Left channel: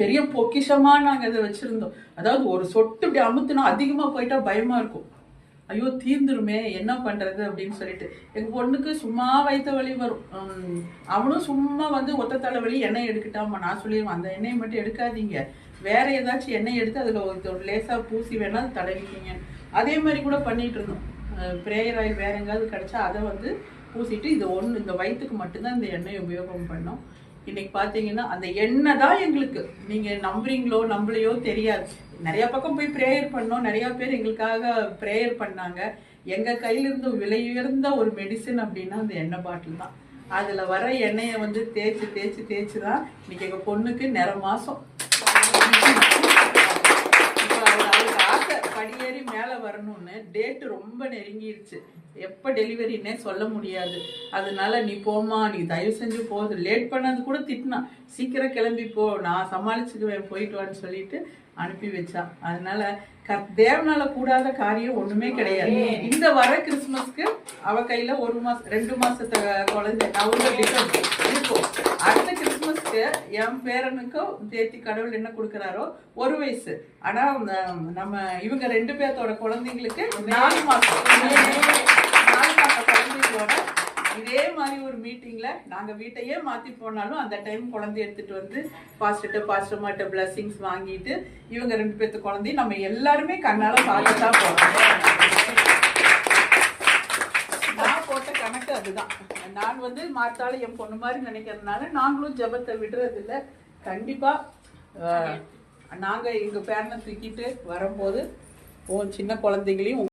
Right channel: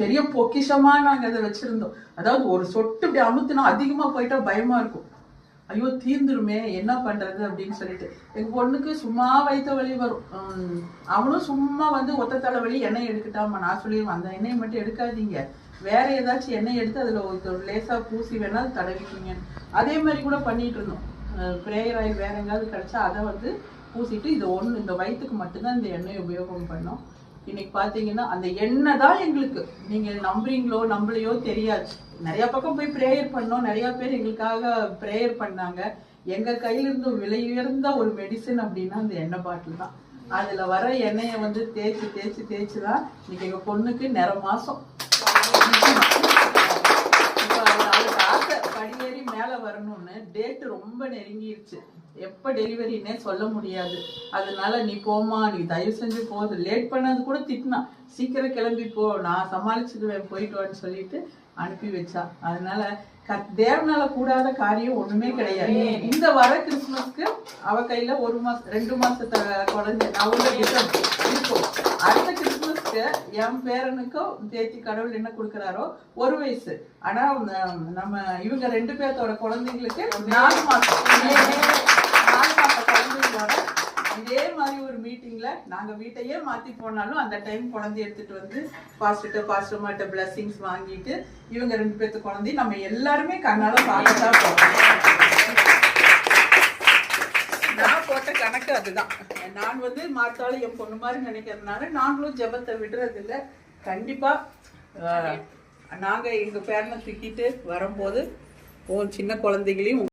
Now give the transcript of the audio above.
பெரிய பொக்கிஷமா நாங்க அதை வச்சிருந்தோம். அதாவது ஒரு சொட்டு இப்படி அமுத்துனா அதிகமா போயிட்டா பயமா இருக்கும். ஐயோ தீர்ந்துருமே என்ன பண்றது அப்படின்னு சொல்லிட்டு எங்க பொண்ணுக்கு சும்மா வயிற்று வலி வரும். அவனும் சும்மா வந்து ஒத்த தலைவலி எண்ணெய் எடுக்கட்டாமா, நான் சொல்லிடுவேன் அந்த எண்ணெயை மட்டும் எடுக்காதீங்க, வேற ஏதாச்சும் எண்ணெய் எடுத்து அதுல ஒரு லேசா பூசி வேணா தடவிக்கிங்க. அதே மாதிரி கூட பண்ணிட்டு இருந்தோம். பிரேயர் ஆயில் வேற எங்காவது கிடைச்சா அதை வந்து பூசிட்டு இது ஒன்று இந்த வயிற்றுக்கு மட்டும்தான் இந்த எண்ணெயை உபயோகம் பண்ணோம். இன்னைக்கு பார்த்தீங்கன்னா அந்த எண்ணெய் தான் எங்களுக்கு, நீங்கள் நம்புறீங்களோ நம்பலையோ தெரியாது, நிறைய பக்கம் போய் ப்ரேயர் பண்ணோம், நிறைய பேர் எங்களுக்காக ப்ரேயர் பண்ணாங்க. எங்கள் கையிலிருந்து விலை உயர்ந்த ஒரு மெடிசன் அப்படின்னா அந்த எண்ணெய் பாட்டில் தான். அதில் வர எண்ணெயை வந்து தேய்ச்சி தேய்ச்சி தேய்ச்சி தான் இன்னைக்கு எங்கள் பொண்ணுக்கு நிற மாதம். இப்போ அவளுக்கு ஆசை படியேறி மேலே வரணும்னு, டேட்டு ரொம்ப நெருங்கிருச்சு, எப்போ டெலிவரின்னே சொல்ல முடியாது. அதனால நீ போமா, நீ தயவு செஞ்சு போகுது, லேட் பண்ணது கூட திட்டினா, சீக்கிரம் கிளம்பி போ, நான் சமாளிச்சுக்குவேன், போயிட்டு வான்னு சொல்லிட்டு அனுப்பி வச்சா. அதனால தேவனால கூடாத காரியம் ஒண்ணுமே கிடையாது. இந்த வர கிறிஸ்துமஸ்க்கு அவ கையில 1 மாசம் 2 மாசத்தை குழந்தை நவம்பர் டிசம்பர் இருக்கும். அடுத்த கிறிஸ்துமஸ்க்கு என் பேரனுக்கும் தேத்தி கடவுள் என்ன கொடுக்குறாரோ 1 வயசு. ஆனா நம்ம இவங்க 2 பேர்த்தோட குழந்தைங்களுக்கு 4 மாசம் குழந்தைங்களோட இதே மாதிரி ஒரு மீட்டிங்ல நாங்க வீட்டையே மாத்தி போனாலும் அந்த டைம் குழந்தை எடுத்துட்டு வந்து பாஸ்டர்மாட்ட பிளஸிங்ஸ் வாங்கிட்டு இவங்க 2 பேர்த்து குழந்தை நம்ம எல்லாருமே கண்ணால பார்க்கத்தான் போறோம். நான் போட்ட கணக்கு அதுதான். நான் வந்து மாத்தாலும் என் பொண்ணு மாதிரி நினைக்கிறதுனால நாங்களும் ஜெபத்தை விடுறது இல்லை. கண்டிப்பா நாங்க எங்க பேரனை தூக்கிட்டு வரும்போது சின்ன குழந்தைகளையும்